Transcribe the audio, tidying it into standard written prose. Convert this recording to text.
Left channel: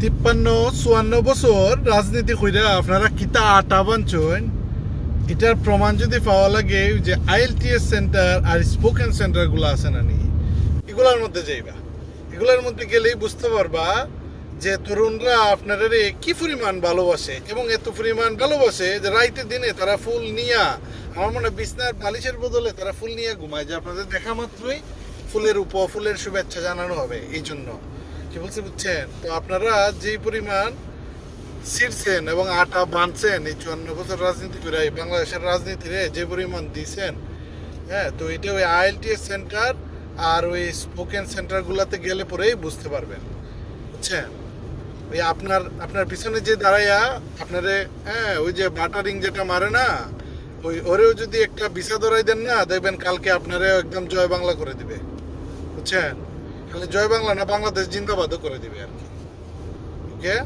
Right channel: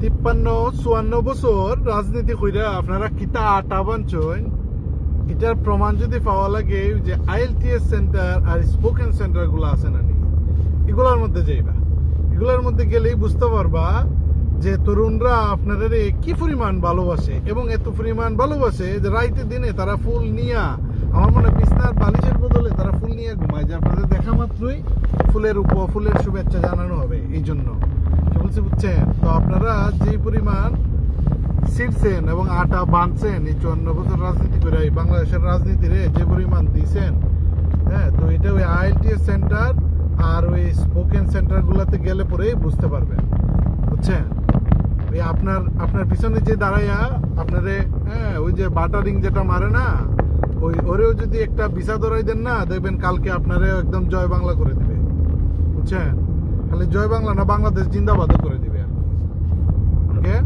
53-54 বছর রাজনীতি কইরা আপনারা কিতা আটা বানছেন এটার প্রমাণ যদি পাওয়া লাগে যে আইএলটিএস সেন্টার আর স্পোকেন সেন্টারগুলো আছে না নি এগুলোর মধ্যে যাইবা। এগুলোর মধ্যে গেলেই বুঝতে পারবা যে তরুণরা আপনারা কি পরিমাণ ভালোবাসে এবং এত পরিমাণ ভালোবাসে যে রাইতের দিনে তারা ফুল নিয়া আমার মনে বিছনার বালিশের বদলে তারা ফুল নিয়ে ঘুমায়, যে আপনাদের দেখা মাত্রই ফুলের শুভেচ্ছা জানানো হবে। এই জন্য কি বলছে বুঝছেন? তো আপনারা যেই পরিমাণ ছিঁড়ছেন এবং আটা বাঁধছেন এই 54 বছর রাজনীতি করে এই বাংলাদেশের রাজনীতিরে যে পরিমাণ দিয়েছেন, হ্যাঁ, তো এটা ওই আইএলটিএস সেন্টার আর ওই স্পোকেন সেন্টারগুলোতে গেলে পরেই বুঝতে পারবেন, বুঝছেন? ওই আপনার পিছনে যে দাঁড়াইয়া আপনারে, হ্যাঁ, ওই যে বাটারিং যেটা মারে না, ওরেও যদি একটা ভিসা ধরাই দেন না, দেখবেন কালকে আপনারে একদম জয় বাংলা করে দিবে, বুঝছেন? খালি জয় বাংলা না, বাংলাদেশ জিন্দাবাদও করে দিবে আর কি। ওকে।